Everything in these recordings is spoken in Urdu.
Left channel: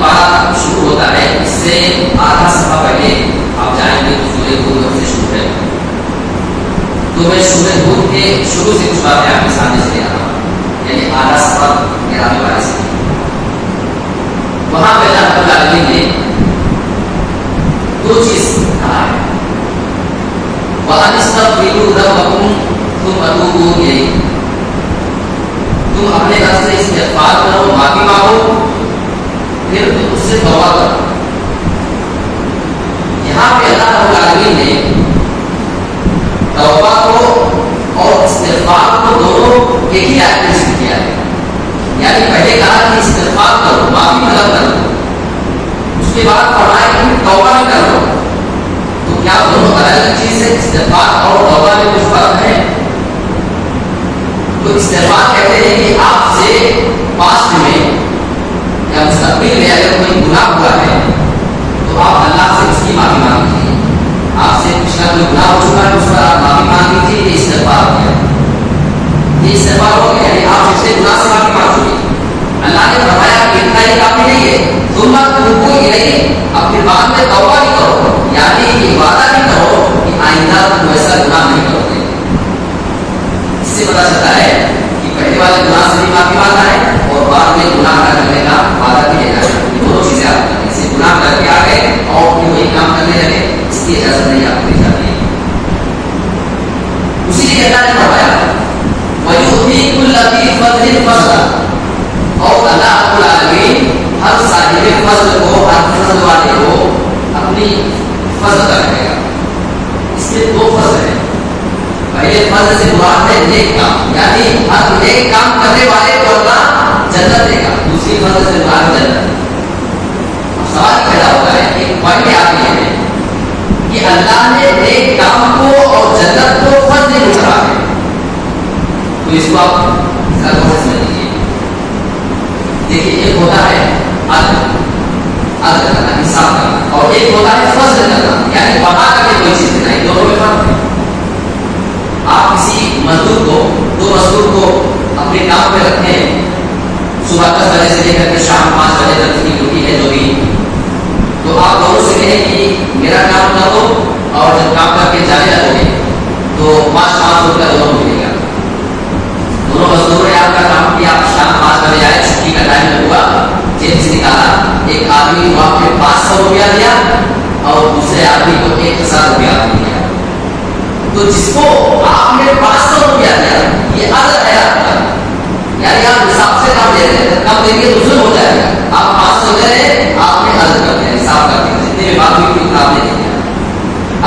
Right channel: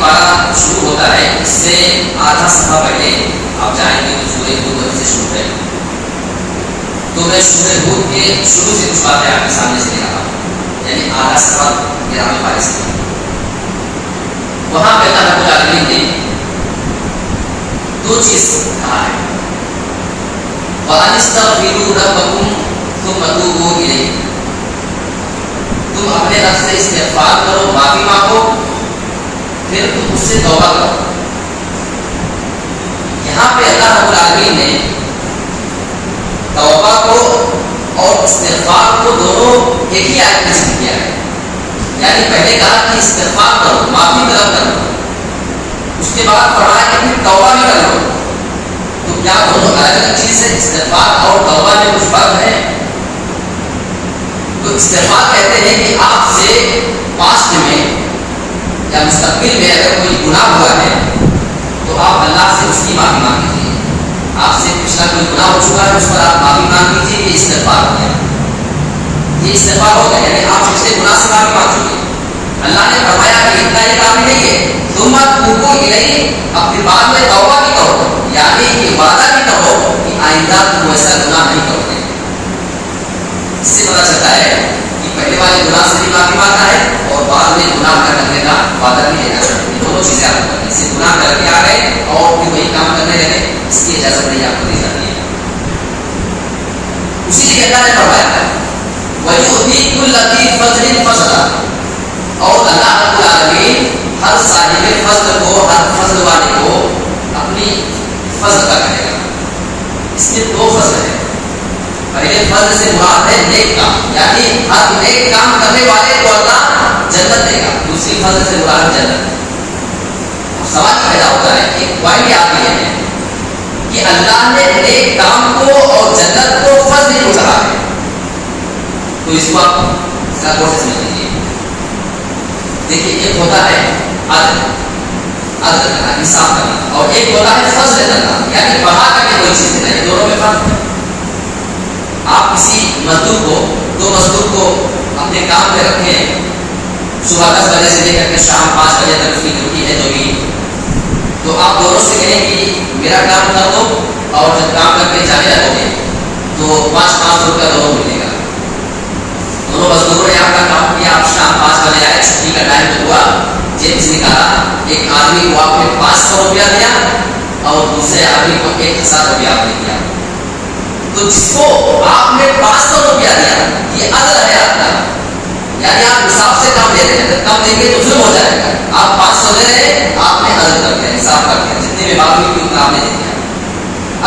پارہ شروع ہوتا ہے اس سے آدھا صفحہ پہلے آپ جائیں گے تو سورہ ہود سے شروع ہے. تو میں سورہ ہود کے شروع سے کچھ باتیں آپ کے سامنے سے لے رہا ہوں، یعنی آدھا صفحہ 11ویں پارے سے. وہاں پہ اللہ رب العالمین نے دو چیز کہا ہے، وَأَنِ اسْتَغْفِرُوا رَبَّكُمْ ثُمَّ تُوبُوا إِلَيْهِ. تم اپنے رب سے استغفار کرو، معافی مانگو، پھر تم اس سے توبہ کرو. یہاں پہ اللہ رب العالمین نے توبہ کو اور استغفار کو دونوں ایک ہی آیت میں ذکر کیا ہے. یعنی پہلے کہا کہ استغفار کرو، معافی طلب کرو، اس کے بعد پڑھا ہے کہ توبہ بھی کرو. تو کیا دونوں الگ الگ چیز سے استغفار اور توبہ میں کچھ فرق ہے؟ تو استغفار کہتے ہیں کہ آپ سے پاسٹ میں یا مستقبل میں اگر کوئی گناہ ہوا ہے تو آپ اللہ سے اس کی معافی مانگ لیجیے. آپ سے پچھلا کوئی گناہ ہو چکا ہے اس پر آپ معافی مانگ لیجیے، یہ استغفار ہو گیا. یہ استغفار ہو گیا یعنی آپ پچھلے گناہ سے معافی مانگ چکے. اللہ نے فرمایا کہ اتنا ہی کافی نہیں ہے، تم توبو الیہ، اپنے بعد میں توبہ بھی کرو، یعنی یہ وعدہ بھی کرو کہ آئندہ تم ایسا گناہ نہیں کرو گے. اس سے پتہ چلتا ہے کہ پہلے والے گناہ سے بھی معافی مانگنا ہے اور بعد میں گناہ کرنے کا وعدہ بھی دینا ہے. دونوں چیزیں آپ کریں، اس سے گناہ کر کے آ گئے اور پھر وہی کام کرنے لگے، اس کی اجازت نہیں آپ کو دی جاتی ہے. اسی لیے اللہ نے فرمایا وَيُؤْتِي كُلَّ ذِي فَضْلٍ فَضْلَهُ، اور اللہ رب العالمین ہر صاحب فضل کو، ہر فضل والے کو اپنی فضل کا کرے گا. اس کے دو فضل ہیں. پہلے فضل سے مراد ہے نیک کام، یعنی ہر نیک کام کرنے والے کو اللہ جنت دے گا. دوسری فضل سے مراد جنت. سوال پیدا ہوتا ہے، ایک پوائنٹ آتی ہے کہ اللہ نے نیک کام کو اور جنت کو فضل نہیں کہا ہے. تو اس کو آپ ذرا سمجھ لیجیے. دیکھیے ایک ہوتا ہے عدل کرنا، حساب کرنا، اور ایک ہوتا ہے فضل کرنا، یعنی بڑھا کر کے کوئی چیز دینا. یہ دونوں میں فرق ہے. آپ کسی مزدور کو، دو مزدور کو اپنے کام پہ رکھیں، صبح 10 بجے سے لے کر کے شام 5 بجے تک کی ڈیوٹی ہے جو بھی، تو آپ دونوں سے کہیں کہ میرا کام کر دو اور جب کام کر کے چلے جاؤ گے تو 500 روپیہ دونوں کو ملے گا. دونوں مزدوروں نے آپ کا کام کیا، شام 5 بجے آئے، چھٹی کا ٹائم جو ہوا جیب سے نکالا، ایک آدمی کو آپ نے 500 روپیہ دیا اور دوسرے آدمی کو 1000 روپیہ آپ نے دیا. تو جس کو آپ نے 500 روپیہ دیا یہ عدل ہے آپ کا، یعنی آپ حساب سے کام دے رہے ہیں. کام دیں گے تو ظلم ہو جائے گا. آپ 500 دے رہے ہیں، آپ نے عدل کر دیا، حساب کر دیا، جتنے میں بات ہوئی اتنا آپ نے دے دیا.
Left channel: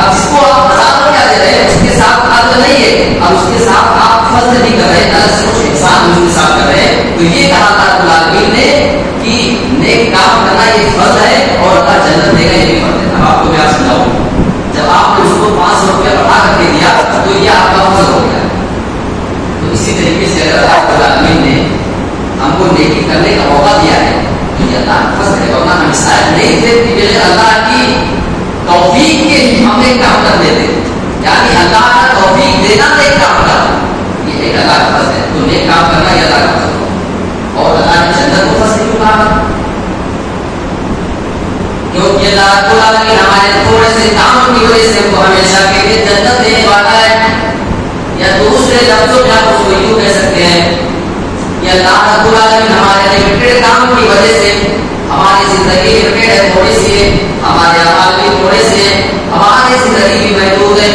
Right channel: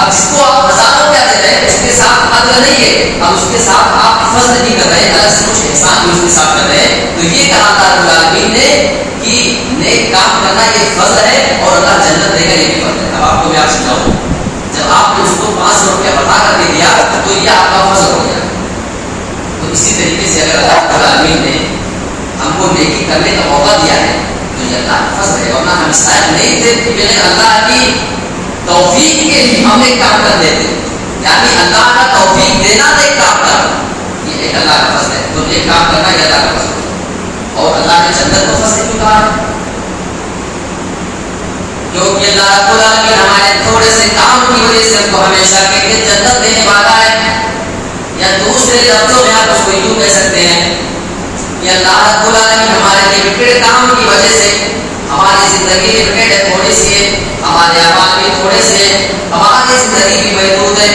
اب جس کو آپ 1000 روپیہ دے رہے ہیں اس کے ساتھ عدل نہیں ہے، اب اس کے ساتھ آپ فضل نہیں کر رہے ہیں، الگ سے کچھ احسان بھی اس کے ساتھ کر رہے ہیں. تو یہ کہا تھا رب العالمین نے کہ نیک کام کرنا یہ فضل ہے اور اللہ جنت دے گا، یہ بھی فضل ہے. اب آپ کو میں آپ سمجھاؤں، جب آپ نے اس کو 500 روپیہ بڑھا کر کے دیا تو یہ آپ کا فضل ہو گیا. تو اسی طریقے سے اگر اللہ رب العالمین نے ہم کو نیکی کرنے کا موقع دیا ہے تو یہ اللہ کا فضل ہے. ورنہ ہم شاید نہیں تھے کہ اللہ کی توفیق کے لیے ہم ایک کام کر دیتے، یعنی اللہ کا توفیق دینا ایک کام کرنا، یہ ایک اللہ کا فضل ہے. تو نیک کام کرنا یہ اللہ کا فضل ہے. اور اللہ نے جنت کو فضل کیوں کہا ہے؟ کیونکہ اللہ رب العالمین ہمارے تھوڑے سے کام کی وجہ سے ہم کو ہمیشہ کے لیے جنت دینے والا ہے. یا دوسرے لفظوں میں آپ اس کو یوں کہہ سکتے ہیں کہ اللہ رب العالمین ہمارے لمیٹڈ کام کی وجہ سے ہماری زندگی لمیٹڈ ہے، تھوڑی سی ہے، ہمارے اعمال بھی تھوڑے سے ہیں، ہماری زندگی بھی محدود ہے.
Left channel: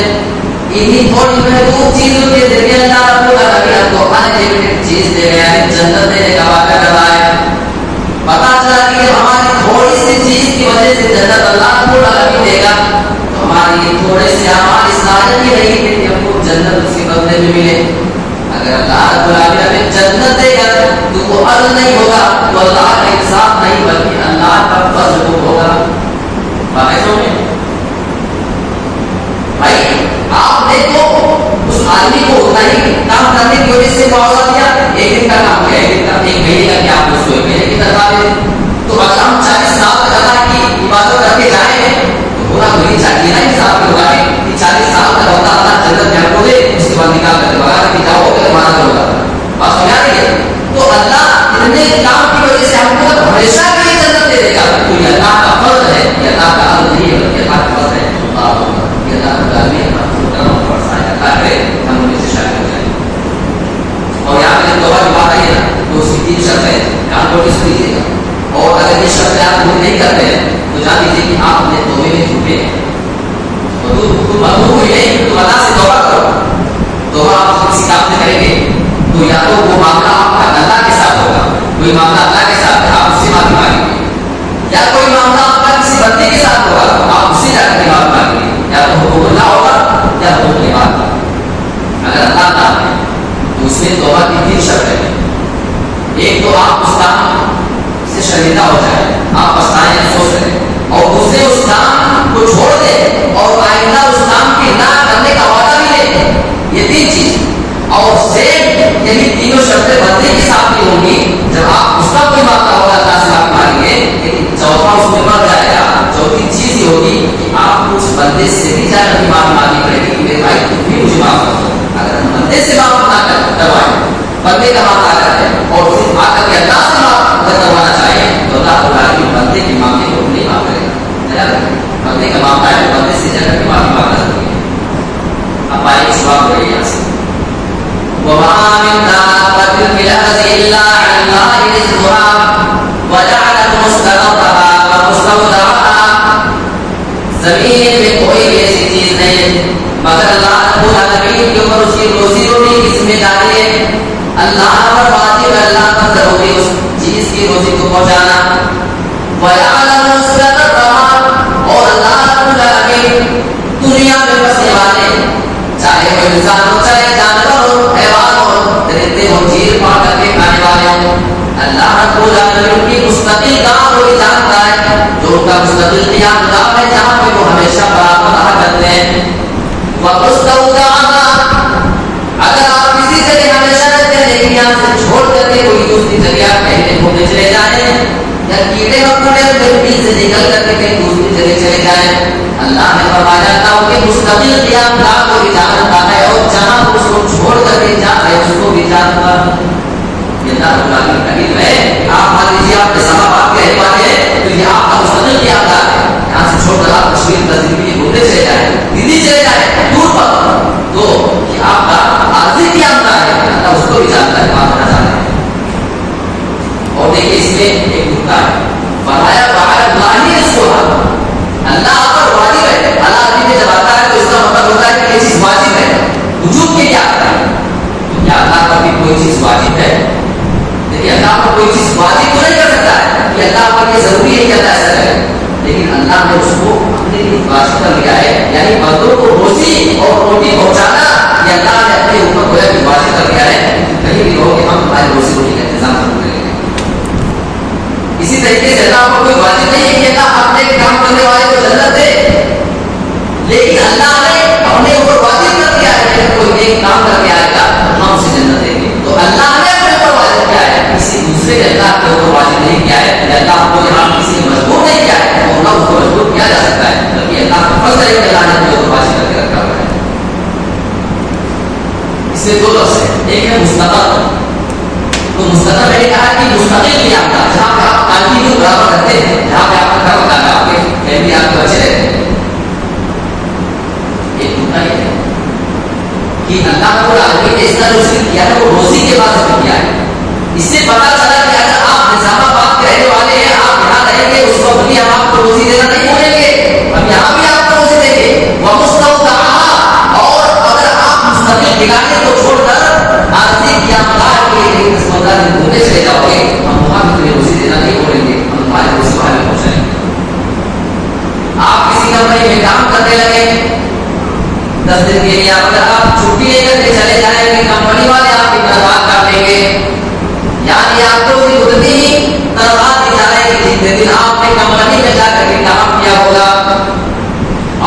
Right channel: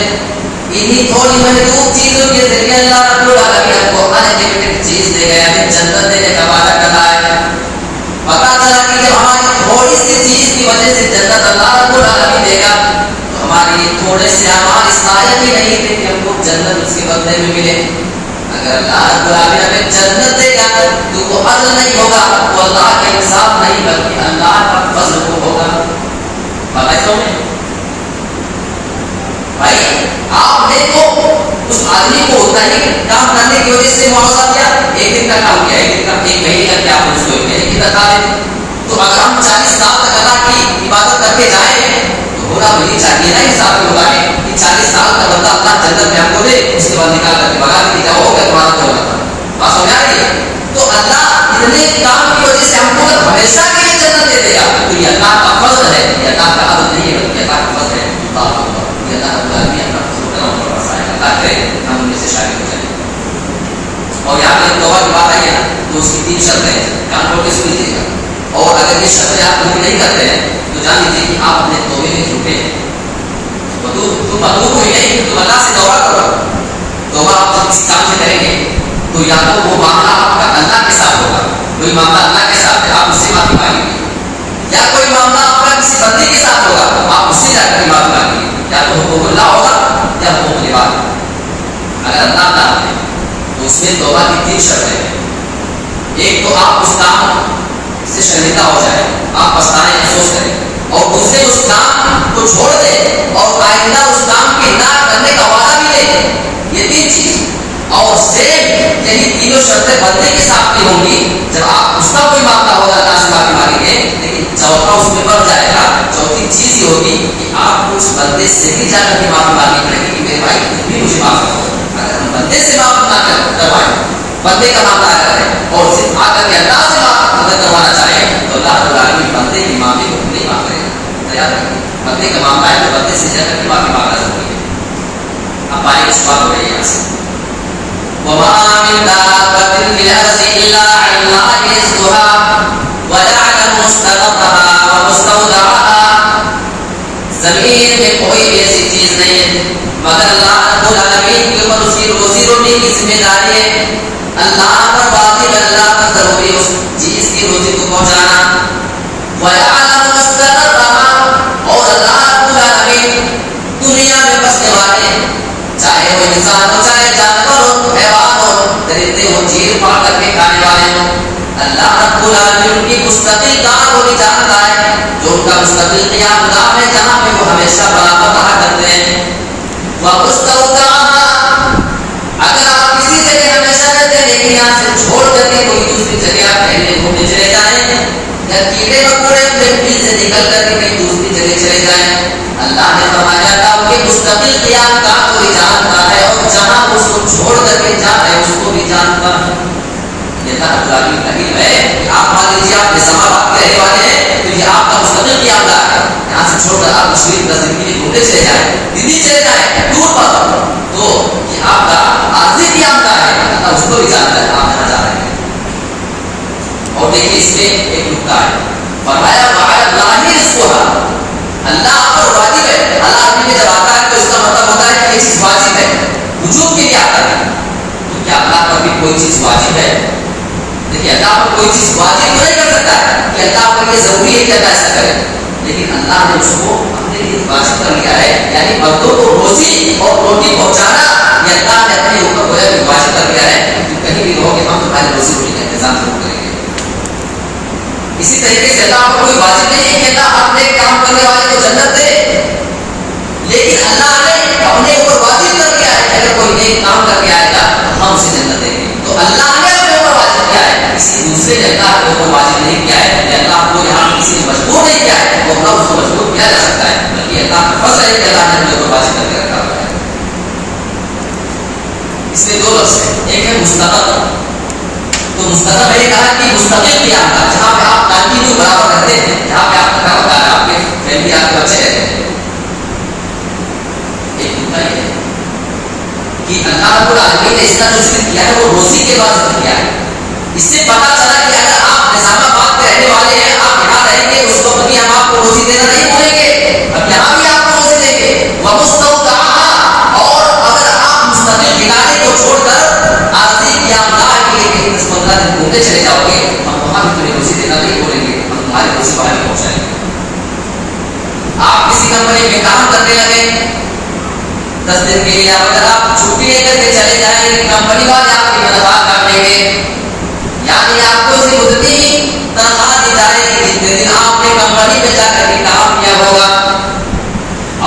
انہی تھوڑی محدود چیزوں کے ذریعے اللہ رب العالمین ہم کو انلمیٹڈ چیز دے گیا ہے، جنت دینے کا وعدہ کر رہا ہے. پتا چلا کہ جب ہماری تھوڑی سی چیز کی وجہ سے جنت اللہ رب العالمین دے گا تو ہمارے یہ تھوڑے سے اعمال اس لائق ہی نہیں تھے کہ ہم کو جنت اس کے بدلے میں ملے. اگر اللہ رب العالمین ہمیں جنت دے گا تو وہ عدل نہیں ہوگا، وہ اللہ کا انصاف نہیں بلکہ اللہ کا فضل ہوگا. بھائی آپ نے تو اس آدمی کو اتنا ہی کام کرنے کی وجہ سے معاوضہ دیا، ایک دن کا کام کیا، ایک دن کا، ایک مہینے کا کیا، آپ اس کو ایک مہینے کی تنخواہ دیں. تو اگر ہم 40 سال تک اللہ کی عبادت کر کے جائیں تو ہونا وہی چاہیے نا حساب کے ہوگا کہ 40 سال کا بندہ اللہ جنت میں ہم کو دے، اس کے بعد نکال کر کے بغا کے جاؤ کہ تمہارا جو ہوگا بات سمجھ آ رہی ہے. تو اللہ اتنے کام کی وجہ سے ہم کو ہمیشہ کے لیے جنت دے دے گا. شرط ہے، دھیان کو سنیجیے گا. اور اگر یہ شرط آپ پوری نہیں کرتے ہیں تو جان لیجیے کہ آپ اپنے توبے میں جھوٹے ہیں. تو تم ادو کو ہی نہیں، تم اللہ سے توبہ کرو. توبہ آپ کسی کام سے کریں گے تو یا تو وہ معاملہ آپ کا اللہ کے ساتھ ہوگا، کوئی معاملہ اللہ کے ساتھ ہے آپ اس سے معافی مانگیں گے، یا کوئی معاملہ آپ کا کسی بندے کے ساتھ ہوگا آپ اس سے جا کر معافی مانگیں گے، یا تو حقوق اللہ ہوگا یا حقوق العباد. اگر اللہ تعالیٰ ہے تو اس میں توبہ کی 3 شرطیں. ایک تو آپ اس کام سے شرمندہ ہو جائے، آپ پچھتائیں افسوس کریں، اور دوسرے اس کام کو چھوڑ دیں اور آئندہ اس کام کے نہ کرنے کا وعدہ بھی لیں. یہ 3 چیز. اور سیم یہی تینوں شرطیں بندے کے ساتھ بھی ہوں گی. جب آپ اس کا کوئی معاملہ ہوگا اللہ سے معافی مانگیں گے، لیکن چوتھا اس میں بڑھ جائے گا. چوتھی چیز یہ ہوگی کہ آپ اس بندے سے بھی جا کر معافی مانگنی پڑے گی کہ میرے بھائی تم بھی مجھے معاف کر دو. اگر ہم بندے سے معاف نہ کروائیں، بندے کا معاملہ آ کر ہے اور صرف آ کر کے اللہ سے معاف اگر کروانا چاہیں تو اللہ تعالیٰ بندے کے معاملے کو نہیں معاف کرے گا. بندے کا معاملہ ہے تو بندے سے جا کر کے معافی مانگنا ضروری ہے. اب آئے اس بات بڑے یہاں سے وَمَا مِن دَابَّةٍ فِي الْأَرْضِ إِلَّا عَلَى اللَّهِ رِزْقُهَا وَيَعْلَمُ مُسْتَقَرَّهَا وَمُسْتَوْدَعَهَا. زمین میں کوئی بھی ایسی چیز نہیں ہے مگر اللہ رب العالمین کے اوپر اس کی روزی روٹی کی ذمہ داری ہے. اللہ پر واجب، اللہ پر ضروری اس چیز کی روزی کو پہنچانا. وَيَعْلَمُ مُسْتَقَرَّهَا، اور اللہ رب العالمین دنیا میں بسنے والے چاہے وہ انسان ہو، چاہے جانور ہو، حیوان ہو، درندے ہو، چیر پاڑ کر کے کھانے والے ہو، اللہ رب العالمین ان کی مستقل کام کو بھی جانتا ہے. جو ان کا مستقل قیام گاہ ہے جہاں پہ وہ ہمیشہ برابر رہا کرتے ہیں. وَمُسْتَوْدَعَهَا، اگر آپ کسی جگہ ہمیشہ رہتے ہیں لیکن یہاں سے چھوڑ کر کے کوئی دوسری جگہ ٹہلنے گھومنے چلے جائیں، یا کیڑے مکوڑے مٹی سے نکل کر کے کہیں دوسری جگہ چلے جائیں، اللہ نے فرمایا تھا ان کے مستقل قیام گاہ کو بھی جانتا ہے اور جہاں اس کو چھوڑ کر کے جا رہے اس کو بھی جانتا ہے. یہ اللہ تعالیٰ کا علم ہے کہ آپ مان لیجیے آپ اسلام آباد کے رہنے والے ہیں تو یہ آپ کا مستقل قیام گاہ ہے. یہاں سے چھوڑ کر آپ کشمیر 10 دن کے لیے گھومنے چلے جائیں، دلی چلے جائیں، دور پر، تو یہ آپ کا عارضی قیام گاہ ہے. اللہ اس کو بھی جانتا ہے آپ جہاں جا رہے ہیں. اور دیکھیے اس میں ایک نقطہ ہے، فرمایا وعلی اللہ رزقها، اللہ پر واجب ہے. اللہ عربی میں جب آتا ہے تو اس کا مطلب ہوتا ہے کہ یہ چیز واجب ہے. وجوب کے لیے آتا ہے تو کیا اللہ پر بھی کوئی چیز واجب ہے؟ دیکھیے اللہ پر کوئی چیز واجب تو نہیں کر سکتا ہے کہ اللہ پر یہ ضروری ہے کہ اللہ ایسا کرے، لیکن اللہ نے اس کو اپنے لیے واجب کر لیا ہے. یعنی بندوں کو روزی اور روٹی پہنچانا یہ اللہ نے اپنے اوپر جو ہے واجب کر دیا ہے. کہیں بھی رہو کہ ہم تمہاری روزی روٹی کا انتظام ضرور کریں گے. اسی طریقے سے اللہ کو کوئی واجب نہیں ہے کہ اللہ اپنے کام کرنے والے کو جنت دے، لیکن اللہ نے اپنے اوپر واجب کر دیا ہے کہ اگر کوئی نیک کام کر کے آئے گا تو ہم اسے جنت دیں گے. تو اللہ نے اپنے اوپر واجب کیا ہے، کسی دوسرے نے اللہ کے اوپر واجب نہیں کیا ہے. اللہ کو یہاں کسی نے مجبور نہیں کیا ہے تو اللہ اس کو مجبور کیا جا سکتا ہے، بلکہ اللہ کا فضل ہے کہ اللہ نے اپنے اوپر واجب کر کے رکھا ہوا ہے. اس میں 2 لفظ ہیں، ایک ہے مستقل. تو مستقل میں نے کہا کہ مستقل قیام کا جہاں پہ آپ کنٹینیو برابر رہتے ہیں، جہاں پہ آپ کا کام ہوتا ہے، آپ کے فیملی آپ کے بچے رہتے ہیں. ایک نقطہ یہ ہے کہ اللہ رب العالمین نے اس طرح جو ذکر کیا ہے وہ روزی کے بعد ذکر کیا ہے. اس سے پتا چلا کہ اگر آپ نظام آباد کے رہنے والے ہیں، آپ یہاں رہیں گے، اس وقت بھی ہم آپ کو روزی دینا نہیں بھولیں گے، ہم یہاں بھی آپ کو روزی دیں گے. وَمُسْتَوْدَعَهَا، اور اگر آپ مستقل ٹھکانے کو چھوڑ کر عارضی قیام گاہ کے لیے کہیں 10-15 دن گھومنے چلے جاؤ گے، ہم وہاں بھی تمہیں روزی دینا نہیں بولیں گے، ہم تمہاری روزی وہاں نہیں پہنچائیں گے. آپ کسی کمپنی میں کام کرنے لگے 10 دن کے لیے، اگر آپ چھٹی لے کر کے چلے جائیں کمپنی والے آپ کی مدد کر لیں گے. یعنی آپ کو اسی اتنی تنخواہ دی جائے گی جتنے دن آپ نے کمپنی میں جا کر کے کام کیا ہوگا.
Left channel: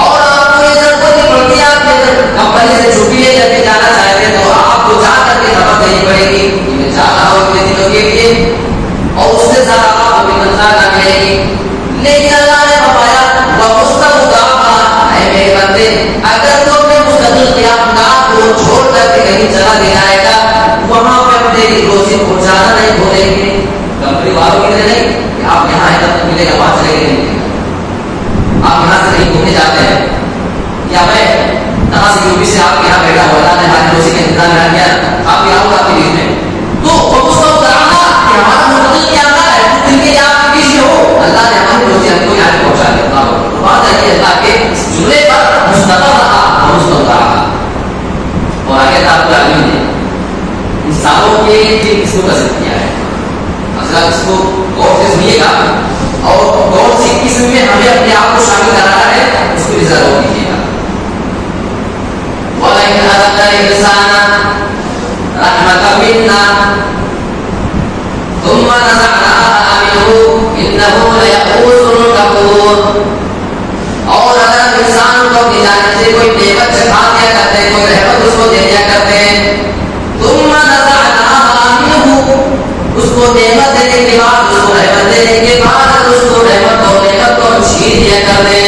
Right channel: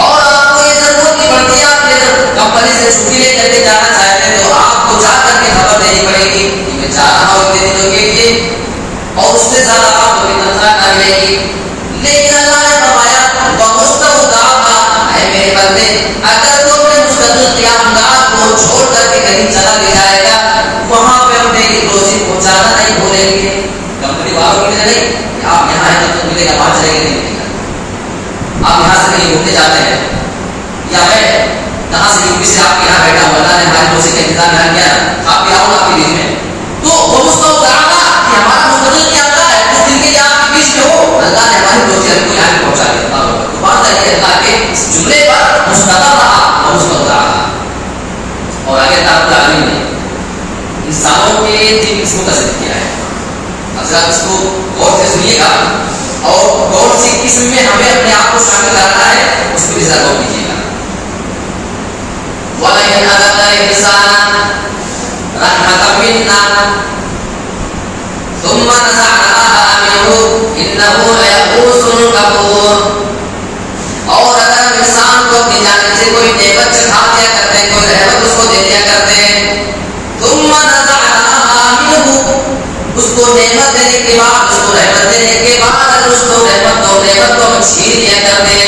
اور آپ کو یہ ضرورت نہیں پڑتی، آپ یہ کمپنی سے چھٹی لے کر کے جانا چاہتے ہیں تو آپ کو جا کر کے خبر دینی پڑے گی کہ میں جا رہا ہوں اتنے دنوں کے لیے، اور اس سے زیادہ آپ کو بھی تنخواہ نہ ملے گی. لیکن اللہ نے فرمایا وَمُسْتَوْدَعَهَا، اے میرے بندے اگر تو اپنے مستقل قیام گاہ کو چھوڑ کر کے کہیں چلا بھی جائے گا، وہاں پہ اپنے کی روزی پہنچانا نہیں بھولیں گے. کمپنی والوں کی نہیں کہ آپ یہاں آئے گا تو ملے گا، وہاں چلے گا نہیں ملے گا. آپ یہاں سے کہیں گھومنے جاتے ہیں یا میں کہاں سے یوپی سے آپ یہاں بیٹھا ہوا، اللہ نے ہماری روزی کا انتظام یہاں کیا، آپ بھی آؤ آپ کے بیچ میں، تو وَمُسْتَوْدَعَهَا، ہمارا انسانوں کے لیے بھی اس کو قصد کیا ہے. حضرت اس کو غور سے سنیے گا اور غور سے قسم میں ہمیں اپنے آپ کو شامل کرانا ہے, اس کو ذرا غور کیجیے گا. وَلَئِنْ أَذَقْنَا الْإِنسَانَ رَحْمَةً مِنَّا ثُمَّ نَزَعْنَاهَا مِنْهُ إِنَّهُ لَيَئُوسٌ كَفُورٌ. اور اگر انسان کو اپنی جانب سے کوئی نعمت چکھا دیا کرتے, کوئی رحمت اس کو دے دیا کرتے, ثُمَّ نَزَعْنَاهَا مِنْهُ, اس کو نعمت دینے کے بعد, اس کو رحمت دینے کے بعد اگر اس کو رحمت کو چھین دیا کرتے,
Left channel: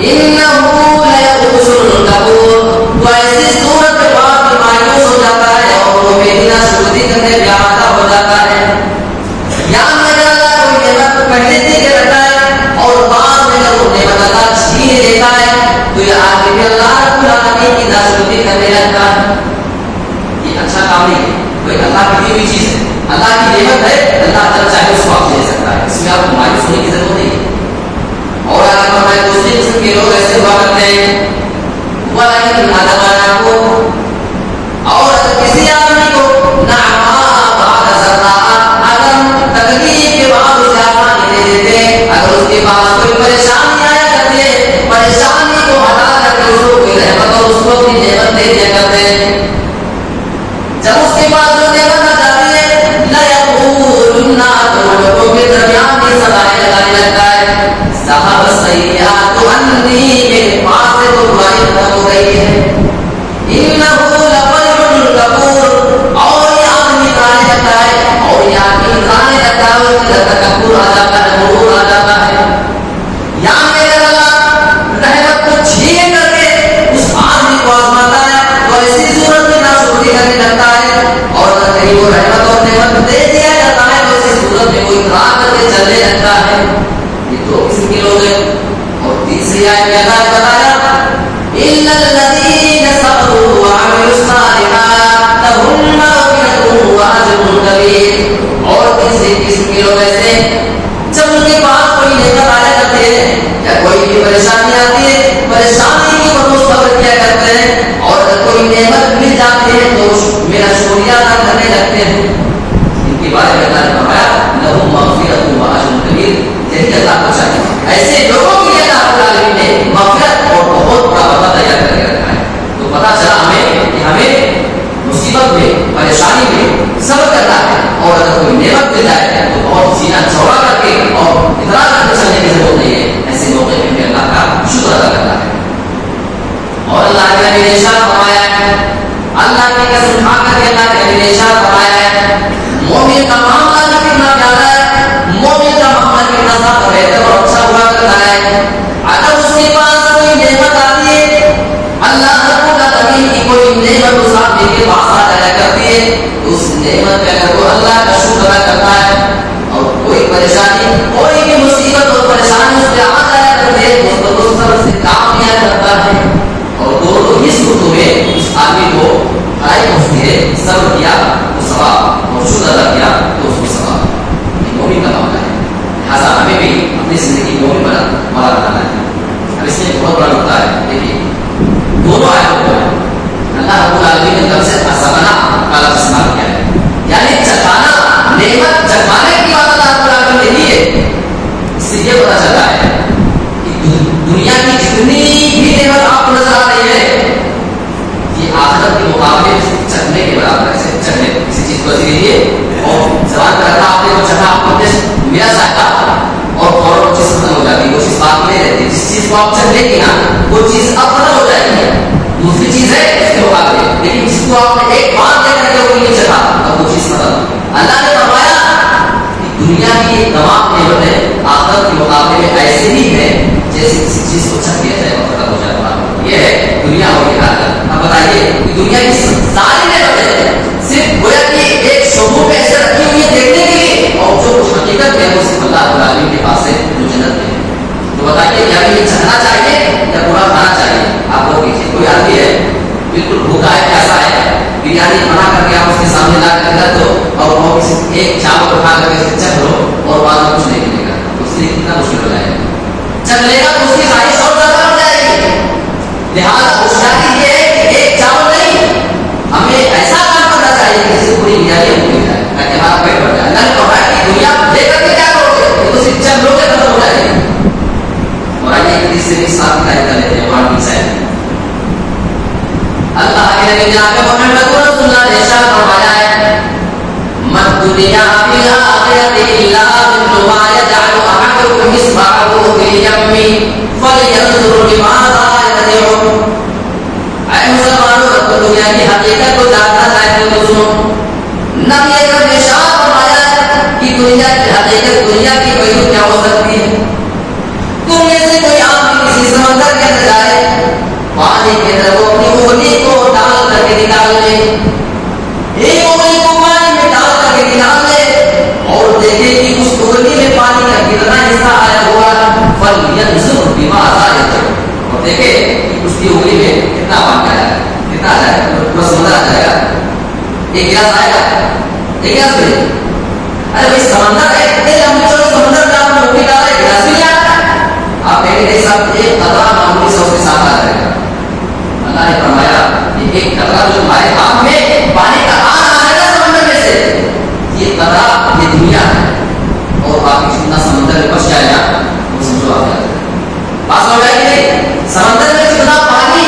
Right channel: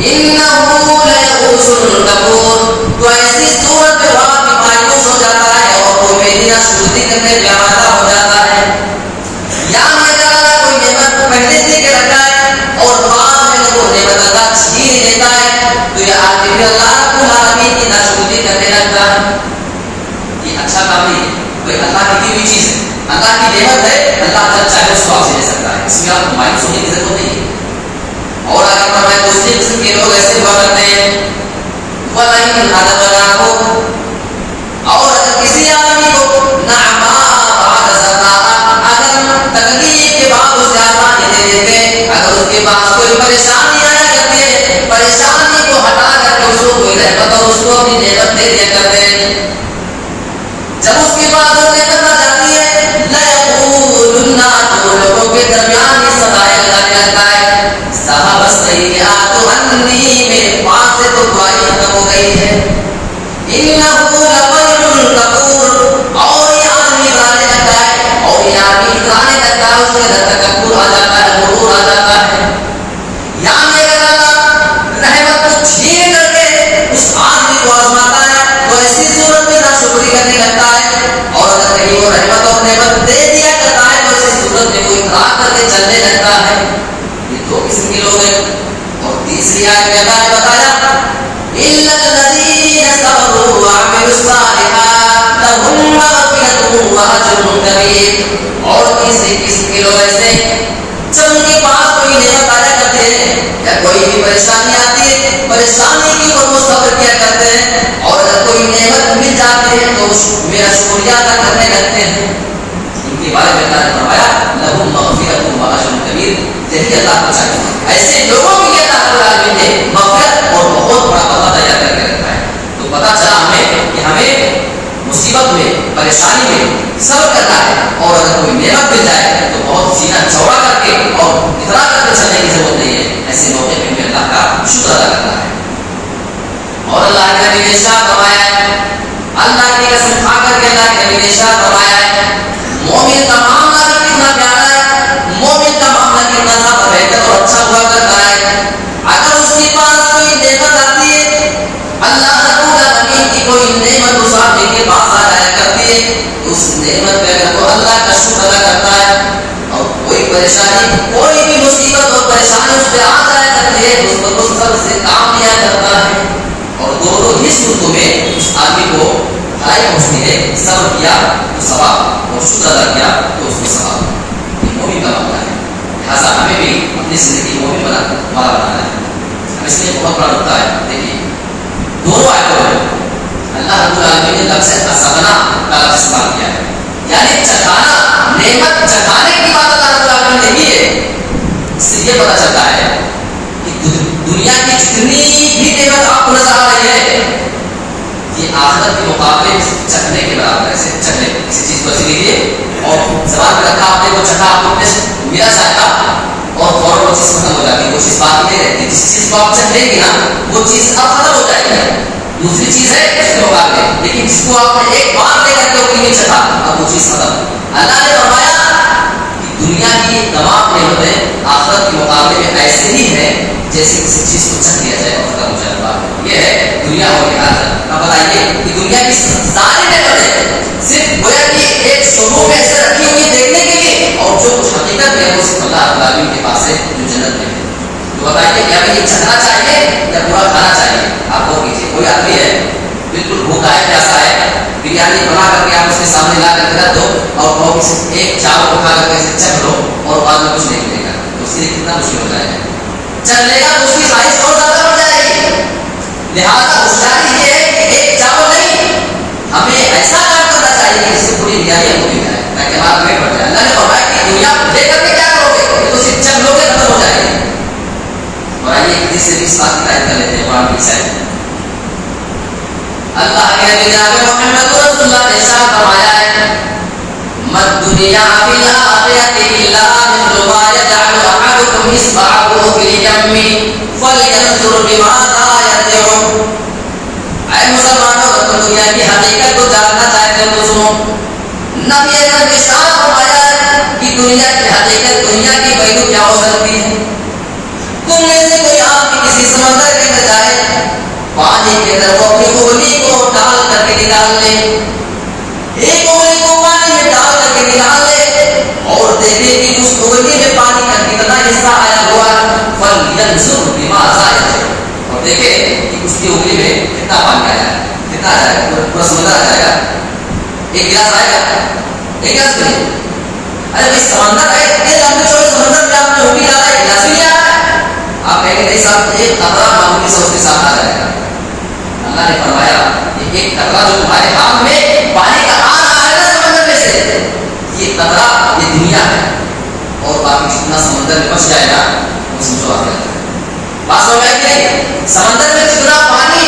إِنَّهُ لَيَئُوسٌ كَفُورٌ, تو ایسی صورت میں بعد مایوس ہو جاتا ہے اور وہ بے ناشکری کرنے پہ آمادہ ہو جاتا ہے. یا میرا کوئی نعمت پہلے دے کے رکھا ہے اور بعد میں وہ نعمت اللہ چھین لیتا ہے, تو یہ آدمی بھی اللہ رب العالمین کی ناشکری کرنے لگتا ہے. یہ اچھا کام نہیں ہے بھائی, اللہ کی دی ہوئی چیز ہے, اللہ کی نعمت ہے, اللہ جب چاہے اس کو آپ سے لے سکتا ہے, اس میں آپ کو مایوس ہونے کی ضرورت نہیں ہے. اور اگر فرمائے دوسری قسم کے لوگ ایسے ہوا کرتے ہیں, وَلَئِنْ أَذَقْنَاهُ, اور اگر کسی آدمی کو نعماء بعد ضراء, اگر تکلیف کے بعد اسے آسانی دے دیتے, اگر اس کے پاس کوئی پریشانی آیا کرتی ہے, پریشانی کو ہٹا کر کے اس کو کوئی رحمت اور اس کو اپنی نعمت دے دیا کرتے ہیں, جب اس کے بعد وہ نعمت آ جاتی ہے, لَيَقُولُنَّ, تو لوگوں کے درمیان یہ صدائے لگانے لگتا ہے, ذَهَبَ السَّيِّئَاتُ عَنِّي, میرے پاس سے تو دعائی ختم ہو گئی ہے. إِنَّهُ لَفَرِحٌ كَفُورٌ, اور یہ آدمی اترانے لگتا ہے, اور یہ آدمی اترانے لگتا ہے, اس کے اندر تکبر آ جاتا ہے, غرور آ جاتا ہے. یا میرے اللہ رحمت کو چھین کر کے اس آدمی کو آزماتا ہے, تو ایسی صورت میں ناشکری کرنے لگتا ہے, اور اگر کہیں وہ رحمت اور نعمت دے دیا جاتا ہے تو ایسی صورت میں کوئی اتراک کر کے چلنے لگتا ہے. یہ دو قسم کے لوگ ہیں. اور تیسری آیت میں اللہ نے بتایا, إِلَّا الَّذِينَ صَبَرُوا وَعَمِلُوا الصَّالِحَاتِ لَهُم مَّغْفِرَةٌ وَأَجْرٌ كَبِيرٌ. اور تیسری قسم کے لوگ ایسے جب ان کے پاس کوئی نعمت آیا کرتے ہیں یا کوئی بھی پریشانی آتی ہے, پریشانی کے اوپر وہ صبر کیا کرتے ہیں, اور اگر کوئی نعمت مل جاتی ہے تو میرا شکریہ ادا کرنے لگتے ہیں. ان کے بارے میں اللہ نے فرمایا لَهُم مَّغْفِرَةٌ وَأَجْرٌ كَبِيرٌ. یہی اللہ کو چاہیے, ایسے لوگوں کے لیے اللہ رب العالمین نے مغفرت اور بہت بڑا بدلہ تیار کر کے رکھا ہے. تو پتا چلا ہمیں کہ ہمیں مصیبت میں, پریشانی میں صبر کرنا ہے, اور اگر کوئی نعمت مل جائے تو بہت سینہ چوڑا کر کے اور اترا کر کے چلنے کی ضرورت نہیں ہے. ایسے موقع میں بھی اللہ کا شکر ادا کرنا ہے. اور اللہ کے نبی نے ارشاد فرمایا ہے, اللہ کی قسم کھا کر کے اللہ کے نبی نے ارشاد فرمایا ہے, مومن کا معاملہ بھی کتنا پیارا ہے, مومن کا معاملہ کتنا صاف بہتر اور اچھا ہوا کرتا ہے. اگر اس کے پاس کوئی نعمت آتی ہے, اللہ رب العالمین کی کوئی نعمت اس آدمی کے پاس آ جایا کرتی ہے, تو اس نعمت پہ اگر وہ اللہ کا شکر ادا کرتا ہے, اور کوئی پریشانی, کوئی بھی مصیبت اور پریشانی اس پہ آ جایا کرتی ہے, اس کو صبر سے کام لیا کرتا ہے, اور دونوں ہی صورتوں میں اس آدمی کو بھلائی پہنچتی ہے. صبر کیا تو ثواب, اور شکر ادا کیا تو اس کو ثواب. یہ مومن کا معاملہ ہے. لہٰذا ہمیں بھی اپنی زندگی مومن بنانا ہے. اب اس میں بہت بڑا نقطہ ہے. دیکھیے دونوں آیتوں میں اللہ رب العالمین نے لفظ حسنہ کا لفظ استعمال کیا ہے, یعنی چکھانا, نعمت چکھانے کی بات اللہ رب العالمین نے کی ہے. اس سے یہ پتا چلتا ہے کہ دنیا کی جتنی بھی نعمت آپ کو نظر آ رہی ہے, یہ آخرت کے مقابلے چکھنے کے برابر ہے. چکھنے کسی چیز کو ایسے لیجیے اور زبان پر رکھا, آپ نے کو چکھا, آپ نے میرا ذائقہ, اور فوراً وہ چیز ختم ہو جاتی ہے, وہ چیز باقی نہیں رہتی. جس چیز کو آپ چکھ لیں گے نا وہ چیز اب ختم ہو جائے گی, دوسری چیز ہے اس کے مقابلے, لیکن جس کو آپ نے ایک بار لے کر کے اپنے لیے چکھا اب وہ چیز ختم. اللہ نے فرمایا کہ دنیا کی تمام نعمتیں آخرت کے مقابلے میں ایسے ہی ہیں جیسے کسی چیز کو چکھ لیا جائے اور ختم ہو جائے. یہ ہے دنیا اور آخرت. اب بتائیے کہ دنیا کی ساری نعمتیں صرف گویا کہ ایک شعبوں میں ایسے رکھی ہوئی ہے دیکھنے کے لیے, اور جو کچھ حقیقت ہے وہ صرف اللہ العالمین کے پاس ہے جو جنت میں ہے. تو بتائیے کیا یہ چکھنا چاہیے یا برا کھانا چاہیے؟ آپ وہ کیجیے. کوئی آدمی ہے بالکل بھوکا ہے, کیسا ہے, بریانی بنا کر کے آپ اس کے سامنے لا کر کے رکھ دو, اور وہ کسی ایک چاول اٹھا کر کے اسے چکھ لو, اور بعد میں کچھ نہیں ملے گا, تو اس لیے کتنا مشکل ہو جائے گا. چکھنے کا اس کی خواہش اور زیادہ ہو جائے گی. لہٰذا ہوشیاری یہ ہے کہ ایک چاول نہیں, ہمیں ایسا کام کرنا چاہیے کہ جس سے پوری میں جناب محمد رسول اللہ نے ارشاد فرمایا ہے مد دنیا فی الاخرۃ الا مثل ما یجعل احدکم اصبعه فی الیم فلینظر بماذا یرجع. اے مسلمانوں تم دنیا کی حقیقت کو جاننا چاہتے ہو تو سنو. نبی اکرم نے ارشاد فرمایا ہے کہ دنیا کی حقیقت دنیا کی کوئی کیا ہو سکتی ہے. تم میں سے کوئی آدمی کسی سمندر کے اندر جائے پانی کے اندر وہ اپنی انگلی کو ڈال کر کے نکال لے ایک انگلی کو پانی میں ڈال کر کے نکال لے اور دیکھے کہ اس انگلی میں پانی کا کتنا حصہ آیا ہوا ہے فلینظر بماذا یرجع. اور دیکھے کہ اس کی انگلی میں کتنا پانی آیا کتنا آ جائے گا پورا سمندر آ جائے گا. ایک گلاس آئے گا ایک گلاس نہیں. ارے بھائی سمندر ہے اتنے لمبے چوڑے سمندر میں آپ نے انگلی ڈالا ایک گلاس بھی نہیں آیا. آپ کہیں گے سب ایک قطرہ معمولی سے اس کے ساتھ آ جائے گا. اللہ نے فرمایا کہ ایک قطرہ جو تمہارے ہاتھ میں پانی کا آ رہا ہے نا سمندر میں سے یہ قطرہ یہ دنیا ہے اور باقی جتنا سمندر میں بچ جائے گا وہ سمجھو آپ کیا بات سمجھ آئے کہ نہیں. سمندر میں جتنا پانی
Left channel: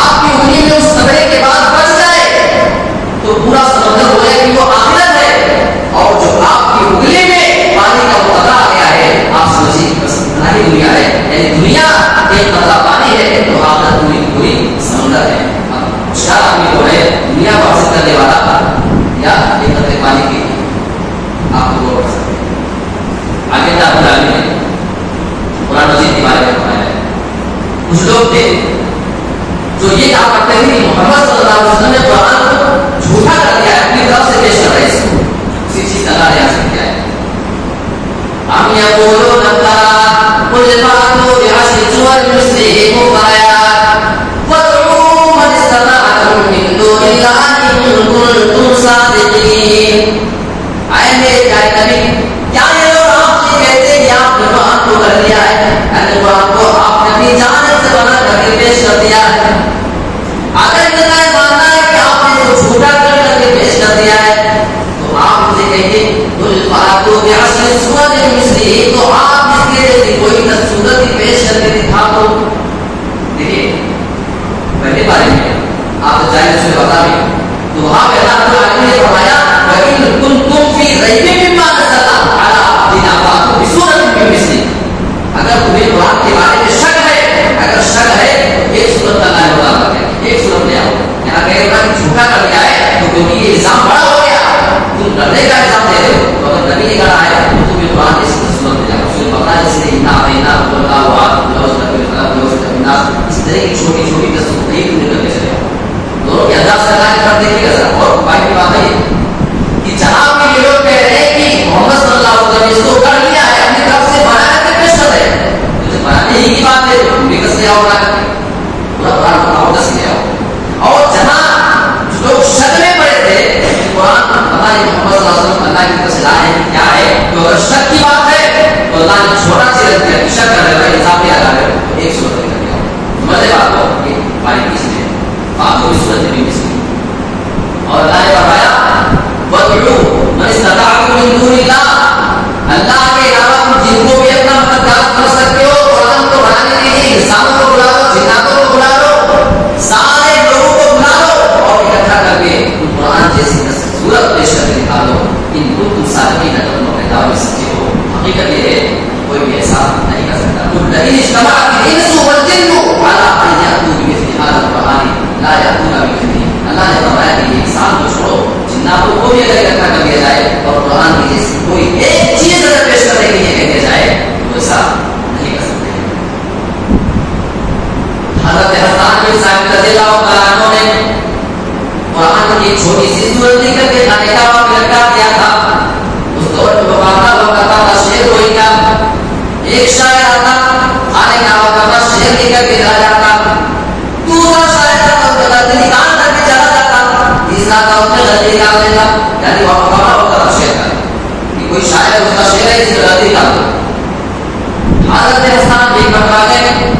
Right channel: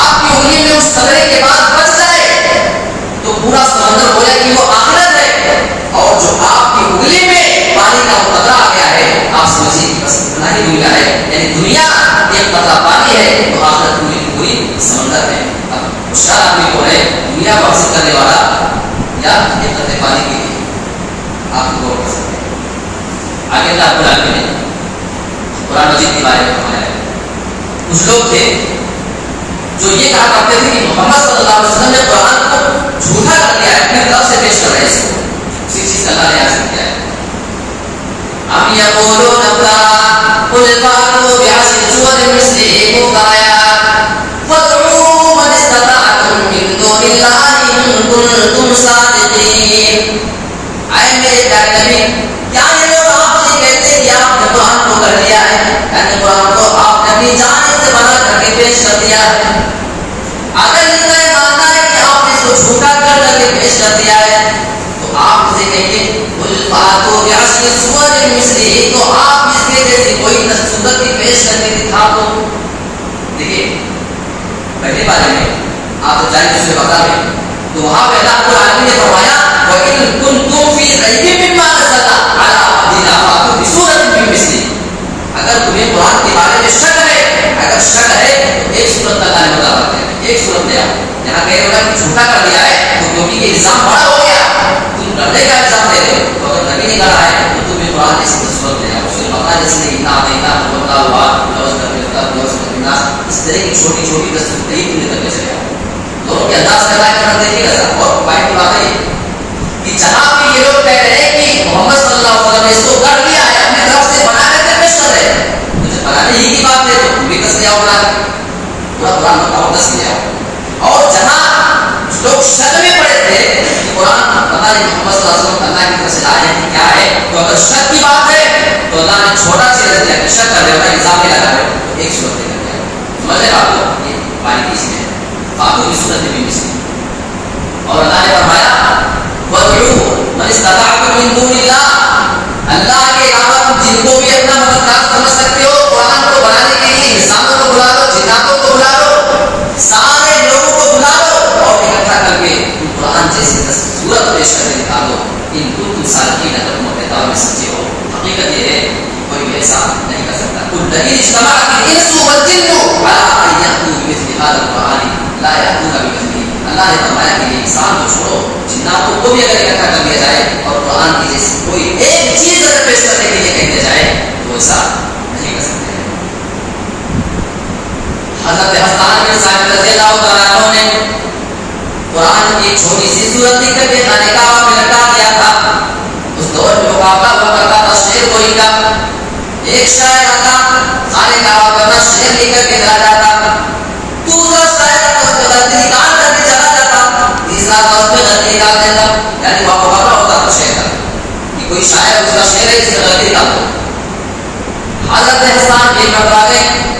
آپ کی انگلی میں اس قطرے کے بعد بچ جائے تو پورا سمندر ہو جائے کہ وہ آخرت ہے. اور جو آپ کی انگلی میں پانی کا قطرہ آ گیا ہے آپ سمجھیے بس اتنا ہی دنیا ہے. یعنی دنیا ایک قطرہ پانی ہے تو آخرت پوری پوری سمندر ہے. اب ہوشیار آدمی کو ہے دنیا کو حاصل کرنے والا یا ایک قطرے پانی کے لیے آپ کو غور کر سکتے ہیں. آگے اللہ رب العالمین نے قرآن مجید کے بارے میں فرمایا ہے کچھ لوگ تھے جو یہ کہا کرتے تھے کہ محمد صلی اللہ علیہ وسلم نے قرآن کو جھوٹا کر دیا ہے اپنی طرف سے پیش کر رہے ہیں اس کو. اسی چیز کا اللہ نے یاد کیا ہے ہم یقولون افترا قل فاتوا بعشر سور مثله مفتريات وادعوا من استطعتم من دون الله ان كنتم صادقين. اے میرے پیارے نبی کیا یہ لوگ آپ سے کہتے کہ آپ نے قرآن کو کر لیا ہے یعنی قرآن کو آپ نے اپنی جانب سے بنا کر کے پیش کر دیا ہے. اگر ان کا یہ ماننا ہے کہ آپ نے اس کو جھوٹا کر کے پیش کر دیا ہے تو آپ مجھے کہیے قل فاتوا بعشر سور مثله تو آپ اس کے جیسی کوئی صورت کی پیش کر کے دکھا دو. دیکھیے پہلے بارے میں آپ جائیں دوسرے بتا دیں تو وہاں پہ اللہ رب العالمین نے فرمایا وَإِن كُنتُمْ فِي رَيْبٍ مِّمَّا نَزَّلْنَا عَلَىٰ عَبْدِنَا فَأْتُوا بِسُورَةٍ مِّن مِّثْلِهِ. اگر تمہیں قرآن کے بارے میں شک ہے اگر شک ہے تو ایک صورت اللہ نے بتا رکھا ہے ایک صورت لے آؤ. یہاں کہہ رہا کہ جھوٹا کر دیا ہے تو کیونکہ یہ الزام بڑا ہو گیا تم ڈرنے کا الزام دے رہے ہو تو اگر نبی نے کہا ہے تو تمہیں قرآن کی صورت لے آؤ. اس میں پتا جیسے اس طرح کی چھوٹی چھوٹی تصویر تمہیں کرنے چلے آؤ دونوں کے انداز کا کر دیکھیے گا سر. اور بھائی کی بات ہے کہ جہاں بھی یہ لوگ کہہ رہے ہیں کہ محمد صلی اللہ علیہ وسلم نے اس کو کر لیا ہے اپنی طرف سے بنا کر کے پیش کر رہے ہیں مجھے بنانے ہی کی بات ہے تم بھی کس لے آؤ بنا کے پورا قرآن بتاؤ دس لے آؤ. اور جہاں لوگ شک میں پڑے تھے قرآن پتا نہیں محمد صلی اللہ علیہ وسلم اللہ کی طرف سے لائے ہیں کیا ہے تو اگر شک کی بات ہے تو اللہ نے چھوٹا سی رکھ دیا کہ شک کرنے کا حساب لگا رہے ہو ایک صورت لے کر کے آؤ. سمجھ لے آپ کو یہ باریکی اس میں فاتو کی صورت بھی مس اور اللہ نے فرمایا وَادْعُوا مَنِ اسْتَطَعْتُم مِّن دُونِ اللَّهِ اللہ کے علاوہ تم جن کو بھی اپنا مددگار سمجھ سکتے ہو قرآن کو بنانے کے لیے انسانوں کو بلا لو جناتوں کو بلا لو سارے لوگوں کو بلا لو اور اکٹھا کر کے تم قرآن جیسی صورت پیش کر کے دکھا دو ان کو تم صادقین اگر تم اپنے دعوے میں سچے ہو. حقیقت یہ ہے کوئی بھی ایسا نہیں کر سکتا. قل لئن اجتمعت الانس والجن على ان ياتوا بمثل هذا القرآن لا ياتون بمثله. اللہ نے فرمایا کہ یہ انسان کو چھوڑو جناتوں کو بھی اگر اکٹھا کر دیا جائے اور قرآن کی جیسی کوئی ایک چیز اگر پیش کرنے کے لیے کہہ دیا جائے تو ایسا نہیں کر سکتے. حضرت حسان بن ثابت رضی اللہ تعالیٰ عنہ نے قرآن کی ایک چھوٹی سی صورت لکھ کر کے خانے کعبہ میں لٹکا دیا تھا. اس دور میں مقابلہ ہوا کرتا تھا شعر کوئی کا ایک شاعر آتا خانے کعبہ کا شعر لکھ کر کے چلا جاتا دوسرا شاعر آتا اس کا غلطی نکال کر کے چلا جاتا تیسرا آتا اس میں غلطی نکال دیتا. یعنی وہاں مقابلہ ہوتا تھا شعر کا کہ کوئی شاعر اس کا شعر ہے جس میں غلطی نکال دو. حضرت حسان ایک مرتبہ گئے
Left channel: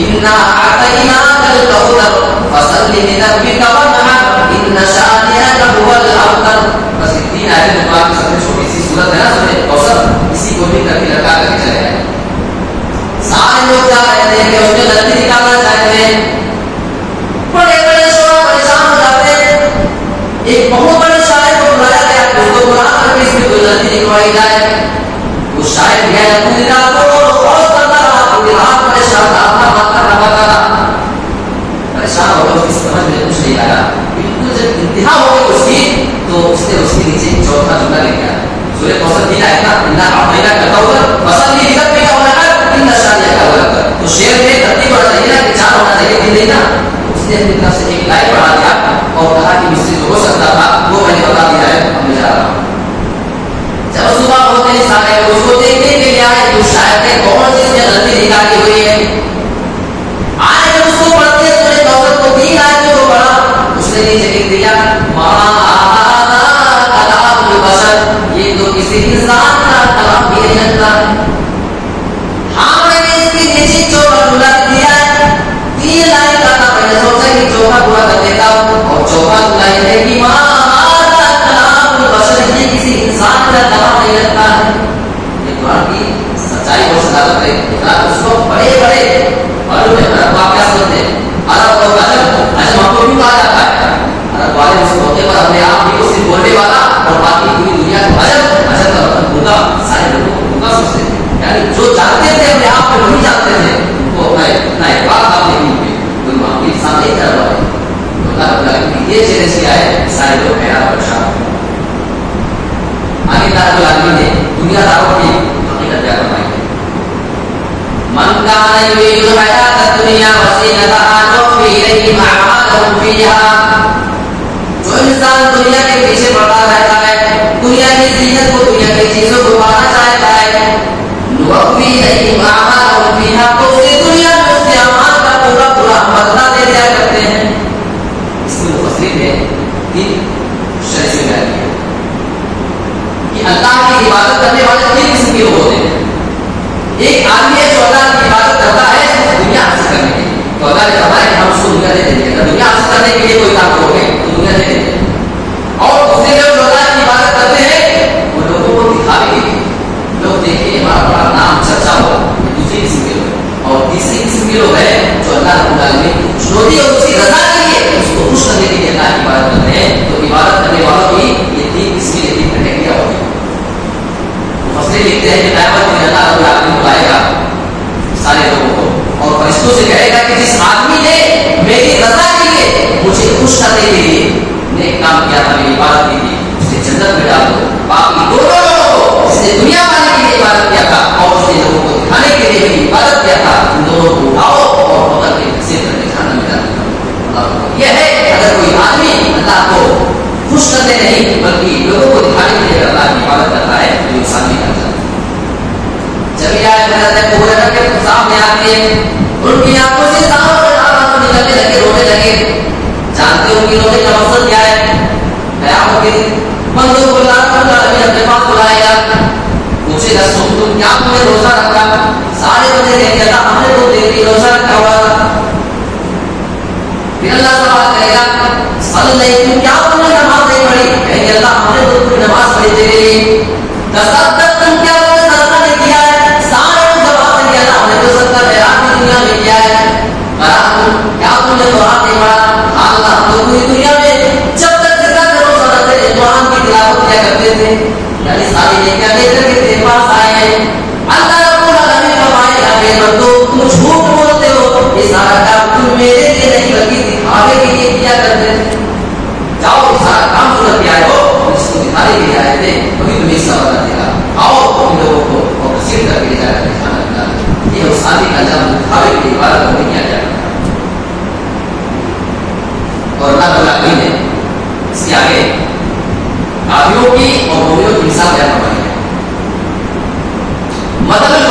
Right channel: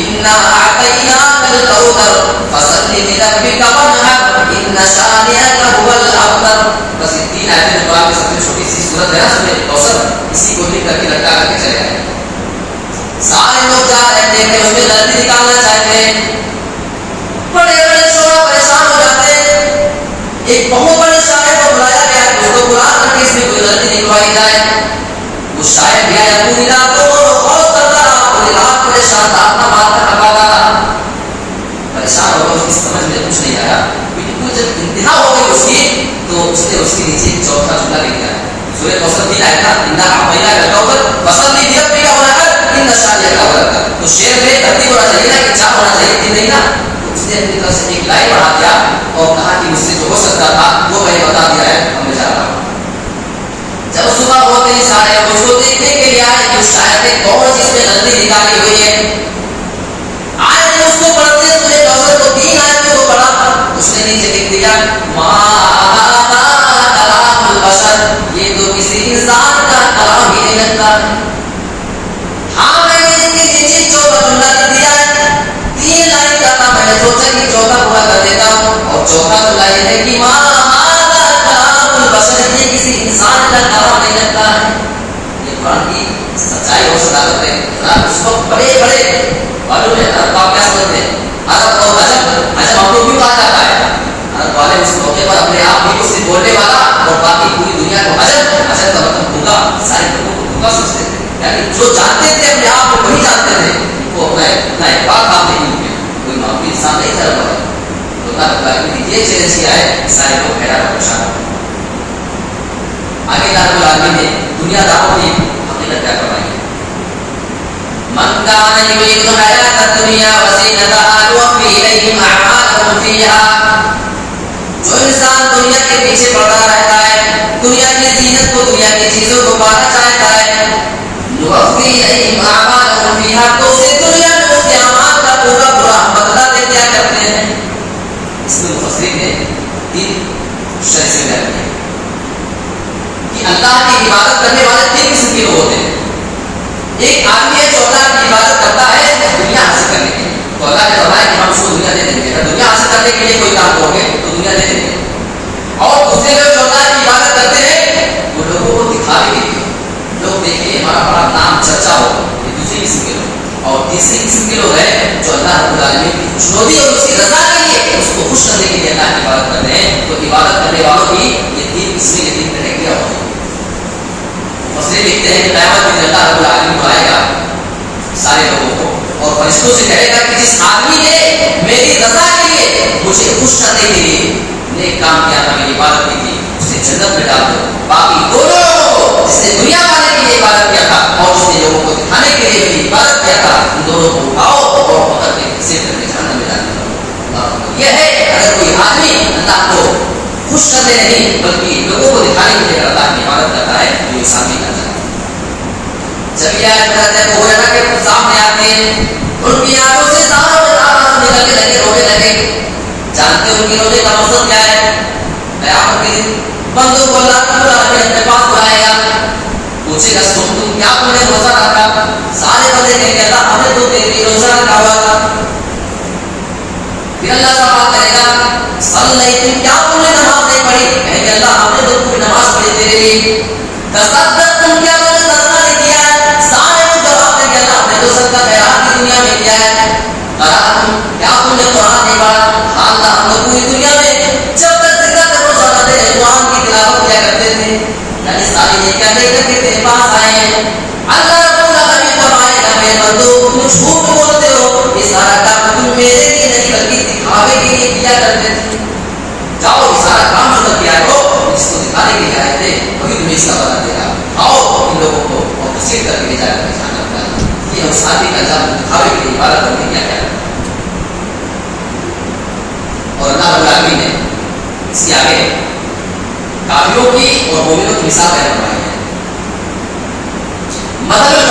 اِنَّا أَعْطَيْنَاكَ الْكَوْثَرَ فَصَلِّ لِرَبِّكَ وَانْحَرْ إِنَّ شَانِئَكَ هُوَ الْأَبْتَرُ. بس یہ تین آیتیں قرآن کی سب سے چھوٹی سی صورت ہے نا سورہ کوثر اسی کو لکھ کر کے لٹکا کر کے چلے آئے. سارے لوگ جا رہے ہیں دیکھتے اس میں غلطی نکالنا چاہتے ہیں بڑے بڑے شعرا پریشان ہو اٹھوائی جائے. وہ شاید بھی آیا پوری رات اور کرتا رہا, پوری رات پریشان تھا, اپنا بات کا ڈبا کرا, پریشان ہو گیا, اس کی سمجھ میں کچھ نہیں آیا. بالکل جب انتہا ہو گئی اس کی, تو اس نے اس کے نیچے ایک چوتھا جملہ لکھ دیا. سورہ کوثر کی آیت نا, اننا اعطیناک الکوثر فصلی لربک ونحر ان شانئک هو الابتر. تو شعر میں ترتیب ہونا چاہیے نا, کہ چار ہونا چاہیے, تین نہیں نا. اس نے اپنی طرف سے ایک لائن بڑھا دیا اور کہا کہ مجھ سے جو ہو سکتا تھا وہ میں نے بتا دیا ہے, اب میں جا رہا ہوں. جب صبح ہوتے ہی سارے اس کو دیکھنے کے لیے آئے کہ شاید نے کون سی اس نے غلطی نکالی ہوئی ہے. آئے تو اس کو پڑھتے ہیں سورہ کوثر کو, 3 آیتوں کو پڑھا. اس نے نیچے لکھ دیا کلام البشر, یہ تو کسی انسان کا کلام ہی نہیں لگتا. ہاں میں نے اس کے نیچے چوتھا جملہ لکھ دیا ہے, 3 لائن کا تھا, میں نے سوچا کہ چوتھا پورا کر دیتا ہوں. اور چوتھا جملہ یہ ہے کہ کلام البشر, یہ کسی انسان کا کلام نہیں لگتا ہے. یہ قرآن کی سچائی اور صداقت ہے. اس کو بڑے بڑے معلوم ہے عرب آپ کیا سمجھتے ہیں, عرب اور عجم. عجم ہم کو کیوں کہا جاتا ہے؟ عرب والے اس موقع پر اپنے آپ ہی کو صرف بولنے والا اور باقی پوری دنیا کو عجم, عجم کا مطلب گونگا, سارے لوگوں کو گونگا سمجھتے تھے. یعنی جو جانتے تھے اپنے آپ کو وہی جانتے تھے, ان کو اپنا ایک بات آپ نہیں ہوئے, کوئی معمولی انسان نہیں چل رہا ہے. یہ چیلنج کیا ہے, سارے لوگ حیران اور پریشان. آگے رب العالمین نے دنیا داروں کی حقیقت بیان فرمائی ہے. من کان یرید الحیات الدنیا وزینتها نوفی الیہم اعمالهم فیہا. جو انسان دنیا کے پیچھے پڑا رہتا ہے, دنیا کی زینت کو, دنیا کی چیزوں کو پانا چاہتا ہے, نوفی الیہم اعمالهم فیہا, تو اسے دنیا میں اس کے اعمال کا پورا پورا بدلہ دے دیا کرتے ہیں. اس میں مفسرین نے 3 شرح سے بیان کیا کہ اللہ کی عبادت کرنے والے 3 قسم کے لوگ ہوتے ہیں. ایک آدمی ہے جو اللہ کی عبادت کرتا ہے دنیا حاصل کرنے کے لیے, تو اللہ نے فرمایا کہ ہم اس کو دنیا دے دیں گے. اگر دنیا حاصل کرنے کے لیے کوئی کام کرو گے تو دنیا دے دیں گے. اور دوسرے لوگ جو اللہ کی عبادت کرتے ہیں وہ لوگوں کو دکھاوے کے لیے, لوگ دیکھیں ہمارا بڑا نام چرچا ہو, یہ دوسری قسم کے لوگ. اور تیسری قسم کے لوگ ہیں جو اللہ رب العالمین کی خوشنودی اور اس کی رضا کے لیے, اس کو خوش کرنے کے لیے اللہ کی عبادت کرتے ہیں. تو عبادت کرنے والوں کی یہ 3 قسمیں, یہ 3 کیٹیگریاں ہوتی ہیں. مفسرین لکھتے ہیں کہ قیامت میں اللہ رب العالمین بلائے گا سارے لوگوں کو اور فرشتوں سے کہے گا کہ جس آدمی نے میری رضا کے لیے, مجھے خوش کرنے کے لیے نیک کام کیا تھا, میری عبادت کی تھی, اسے جنت میں ڈال دو. باقی دونوں لوگوں کو, جس نے دنیا پانے کے لیے عبادت کیا تھا اور جس نے لوگوں کو دکھانے کے لیے میری عبادت کیا تھا, ان دونوں کو اٹھاؤ اور پکڑ کے کسی طرح جہنم میں ڈال دو. یہ ہے اگر کوئی آدمی اللہ کو خوش کرتے نہیں بلکہ لوگوں کو دکھانے کے لیے اللہ کی عبادت کرتا ہے, تو انسان بھی کرتا ہے. جب یہ آیت پڑھتے ہیں تو وہ کہ سامنے آتے ہیں, ان کی آنکھوں سے ساروں کے آنسو نکلنے لگے, رونے لگے. جانتے ان کی رونے کا مقصد کیا ہے؟ قیامت کے دن بندوں کو اللہ تعالیٰ اپنے پاس بلائے گا, پوچھے گا تم کیا تم نے روزہ رکھا؟ سارے بندے کہیں گے اللہ ہم نے تو تیری روزہ رکھا ہوا تھا. پھر اللہ سوال کرے گا تم کیا تم نے نماز نہیں پڑھی؟ کہیں گے اللہ ہم نے تو تم نماز پڑھی تیرے لیے. تم کیا تم نے صدقہ نہیں کیا ہے؟ سارے جواب دیں گے اللہ ہم نے تو صدقہ خیرات کی دنیا میں کیا ہے. کیا تم نے قرآن نہیں پڑھا؟ اللہ ہم تو پوری دنیا میں جب تک زندہ تک روزہ رکھتے تھے قرآن کی تلاوت کیا کرتے تھے. یعنی ساری نیکیاں لے کر کے تیرے پاس آئے ہیں. اللہ رب العالمین فرمائے گا میرے بندو تم جھوٹ بولتے ہو, یہ سارا کام تم میرے لیے نہیں بلکہ دکھاوے کے لیے کیا کرتے تھے. جاؤ سارا کام جو کر کے آئے ہو اس کو دکھانے کے لیے آئے تھے, وہی تمہیں اس کا پتا دے گا. آؤ ان لوگوں کو اور تصویر کر کے لے جا کر جہاں لگتا ہے. یہ اس آدمی کا جب دکھاوے کے لیے عبادت کرنے کیا کیا. اور اللہ رب العالمین نے اس کے آگے کافروں کی اور مومنوں کی مثال بیان فرمائی ہے. مطلب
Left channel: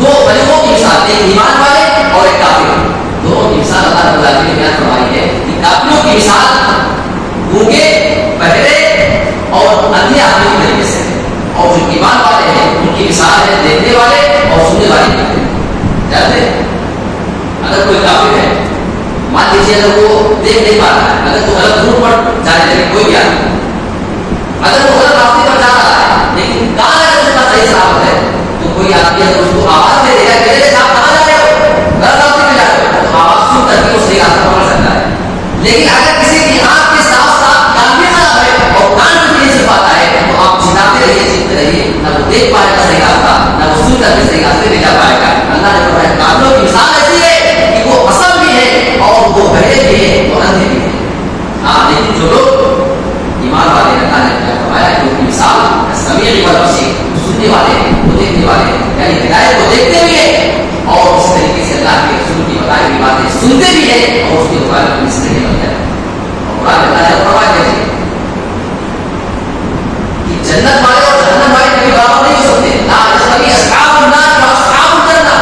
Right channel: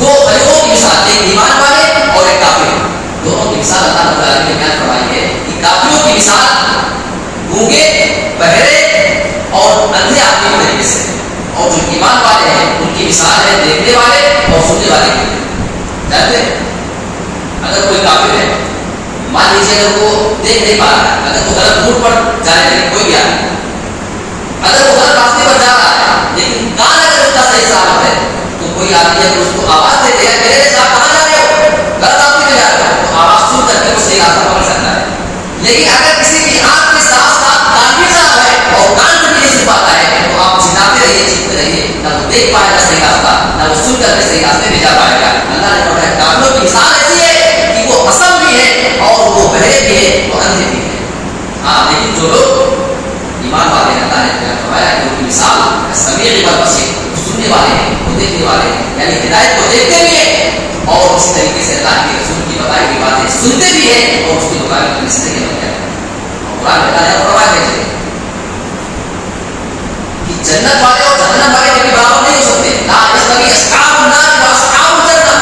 دو فرقوں کی مثال, ایک ایمان والے اور ایک کافر, دونوں کی مثال اللہ رب العالمین نے بیان فرمائی ہے. کہ کافروں کی مثال گونگے, بہرے اور اندھے آدمی کے طریقے سے, اور جو ایمان والے ہیں ان کی مثال ہے دیکھنے والے اور سننے والے. جانتے اگر کوئی کافر ہے, مان لیجیے اگر وہ دیکھ نہیں پا رہا ہے, اگر وہ غلط روٹ پر جانے لگے, کوئی بھی آدمی اگر وہ غلط راستے پر جا رہا ہے لیکن کان اگر اس کا صحیح سلامت ہے, تو کوئی آدمی اگر اس کو آواز دے دے میرے صاحب کہاں جا رہے ہو, غلط راستے میں جا رہے ہو, تو آواز سن کر کے وہ صحیح راستہ پکڑ سکتا ہے. لیکن اگر کسی کی آنکھ کے ساتھ ساتھ کان بھی صاف ہے اور کان بھی نہیں سن پاتا ہے سننے والے ہیں، وہ دیکھنے والے ہیں، یعنی ہدایت کو دیکھتے بھی ہیں اور اس طریقے سے اللہ کے رسول کی بتائی ہوئی باتیں سنتے بھی ہیں اور اس کے مطابق اس طریقے بن جاتے ہیں۔ قرآن بتایا کہ جنت والے اور جہنم والے کے برابر نہیں ہو سکتے، لا یستوی اصحاب النار و اصحاب الجنہ،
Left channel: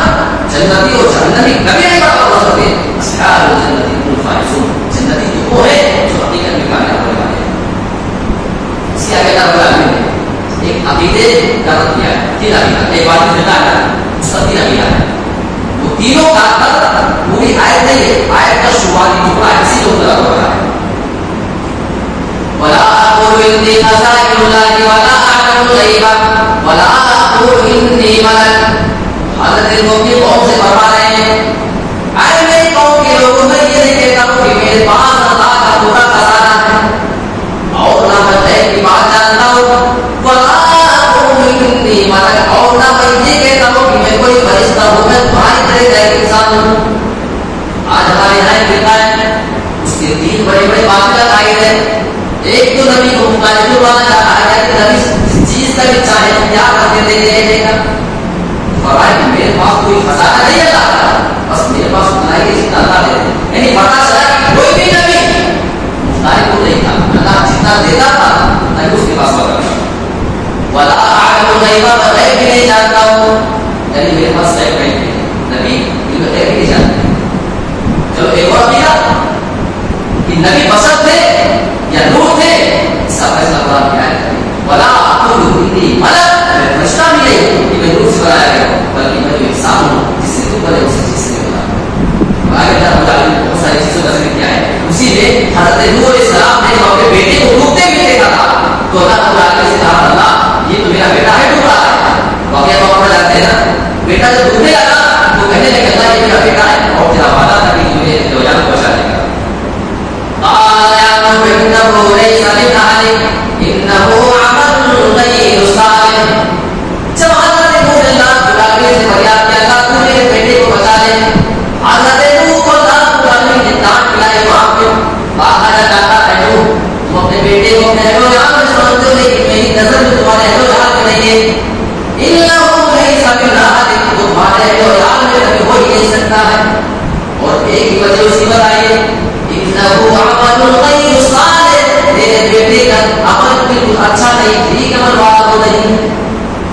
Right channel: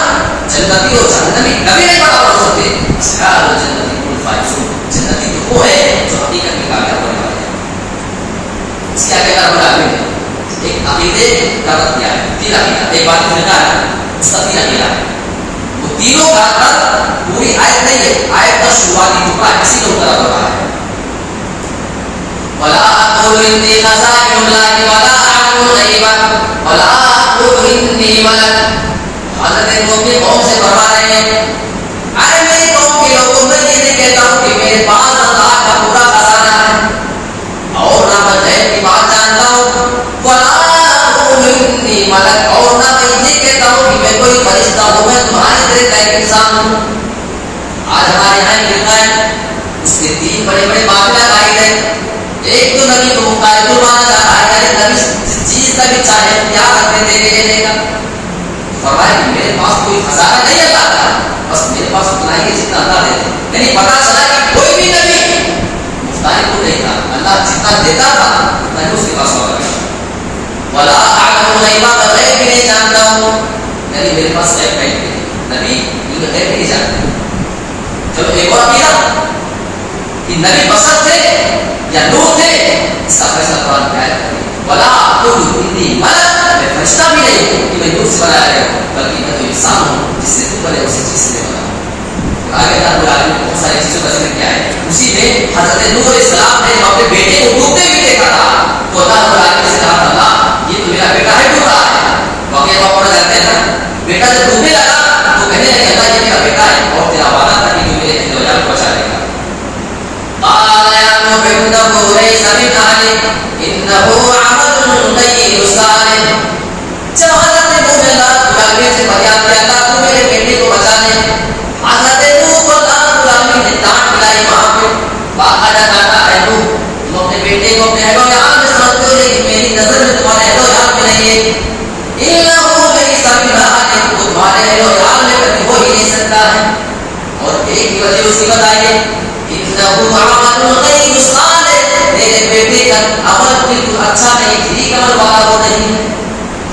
جنتی اور جہنمی کبھی نہیں برابر ہو سکتے۔ اصحاب الجنہ هم الفائزون، جنتی تو وہ ہے جو حقیقت میں کامیاب ہونے والے ہیں۔ اس کے آگے اللہ بولا ایک عقیدے دعوت کیا ہے، تین عقیدہ، ایک بات ملتا ہے اس کا تین عقیدہ ہے، وہ تینوں کا پوری آیت نہیں ہے، آیت کا شروعاتی ٹکڑا اسی کو طرف رہا ہے۔ ولا اقول انی خزائن اللہ ولا اعلم الغیب ولا اقول انی ملک، حضرت نوح کی قوم سے فرما رہے ہیں اے میری قوم کے لوگوں، میں یہ نہیں کہتا ہوں کہ میرے پاس اللہ کا پورا خزانہ ہے اور نہ میں غیب کی بات جانتا ہوں، ولا اقول انی ملک، اور نہ میں یہ کہتا ہوں کہ میں کوئی فرشتہ ہوں، میں تمہاری طرح کا ایک انسان ہوں۔ آج ہمارے یہاں ملتا ہے اس کے تین بڑے بڑے باطل عقائد ہیں۔ ایک تو نبی کو مقاعد بنانا چاہتا ہے، یعنی نبی جس چیز کا بھی چاہے کیا کرتے دے گے دے گا، فرمایا کہ میرے پاس کوئی خزانہ نہیں اللہ کا، بس میرے پاس اتنا ہی جتنا اللہ دیتے، یعنی پتا چلا کہ کوئی بھی نبی مختاری کو نہیں تھا، اللہ جتنا دیتا تھا اتنا ہی اس کے پاس ہوگا۔ ولا اعلم الغیب، غیب بھی نہیں جانتا ہوں، یعنی میرے پاس غیب نہیں ہے، نبی غیب نہیں جانتے۔ چلو ایک اور عقیدہ کہ نبی بشر تھے یا نور تھے، اس کا فیصلہ قرآن کی آیت ہے، ولا اقول انی ملک، میں فرشتہ بھی نہیں ہوں کہ میں نور سے بنایا گیا ہوں، بلکہ میں تو انسان ہوں جس سے تو کرے اسی چیز سے بنا۔ آگے اللہ رب العالمین نے بہت ساری چیزوں کا ذکر کیا ہے، اسی میں حضرت نوح علیہ السلام نے اپنے بیٹے کو ڈوبتے ہوئے دیکھا تھا تو اللہ رب العالمین سے کہا اللہ یہ تو میرا بیٹا ہے ڈوب رہا ہے، واقعہ تو آپ جانتے ہیں نا، بیٹا جب ڈوبنے لگا تو کہنے لگے اللہ یہ میرا بیٹا ہے اور تیرا وعدہ تھا کہ تو میرے جان پہنچا دے گا۔ قال يا نوح إنه ليس من أهلك إنه عمل غير صالح، جب حضرت نوح نے اللہ کے سے فریاد کیا اللہ تو میرے بیٹے کو بچا دے، حضرت نوح کو اللہ نے ڈانٹ پلائی وہاں پہ، باقاعدہ ڈانٹا ہے نوح تم اپنے بیٹے کو اپنے اہل و عیال میں سمجھتے ہو لیکن میری نظر میں تمہارے اہل و عیال میں نہیں ہے، إنه ليس من أهلك، تمہارے اہل و عیال میں کبھی ہو ہی نہیں سکتا ہے، اور ایک بھی وجہ اس کی بتائیے انه عمل غیر صالح، میرے بیٹے کا عمل بالکل اچھا نہیں، ٹھیک عمل والا وہ نہیں۔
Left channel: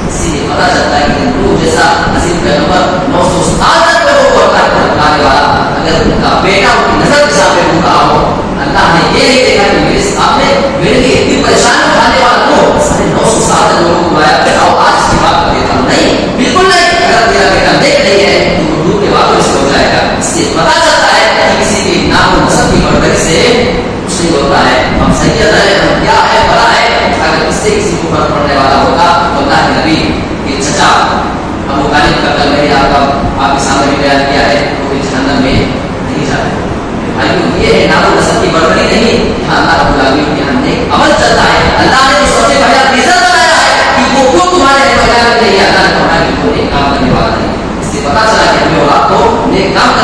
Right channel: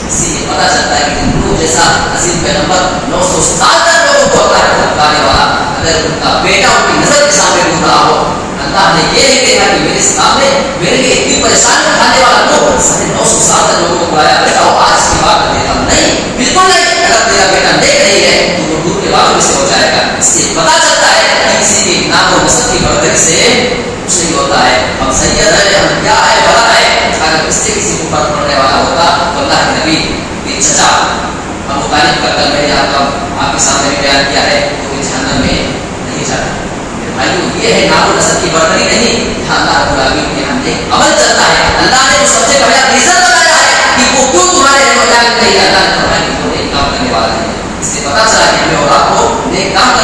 اسی لیے پتا چلتا ہے کہ نوح جیسا عظیم پیغمبر 900 سال تک لوگوں کو اللہ کی طرف لانے والا، اگر ان کا بیٹا ان کی نظر کے سامنے ڈوب رہا ہو، اللہ نے یہ نہیں دیکھا کہ میرے سامنے میرے لیے اتنی پریشانی اٹھانے والا نوح سمجھ 900 سال تک لوگوں کو بلایا بیٹا آج کی بات کر دیتا ہوں، نہیں بالکل نہیں، اگر تیرا بیٹا دیکھ رہی ہے تو وہ ڈوب کے بعد اس سے ہو جائے گا۔ اس لیے پتا چلتا ہے کہ کسی کی نام و نسب کی بردری سے کچھ نہیں ہوتا ہے، ہم سید ہے، ہم کیا ہے بڑا ہے، اگر اس سے کسی کو فرق پڑنے والا ہوتا تو اللہ کے نبی کے چچا ابو طالب کا کل میرے آپ کے سامنے بھی بیان کیا ہے وہ بھی جہنم میں نہیں جاتا۔ بھائیو یہ ہے نام و نسب کی بردری نہیں، یہاں اللہ رب العالمین کے یہاں نیک عمل چلتا ہے، اللہ نے جو سب سے بڑا ریزن بنایا ہے کہ وہ کیوں تمہارے اہل و عیال نہیں، اللہ نے فرمایا کہ وہ نیک کام کرنے والا نہیں، اس سے پتا چلا کہ ہمیں اولاد کو نیک کام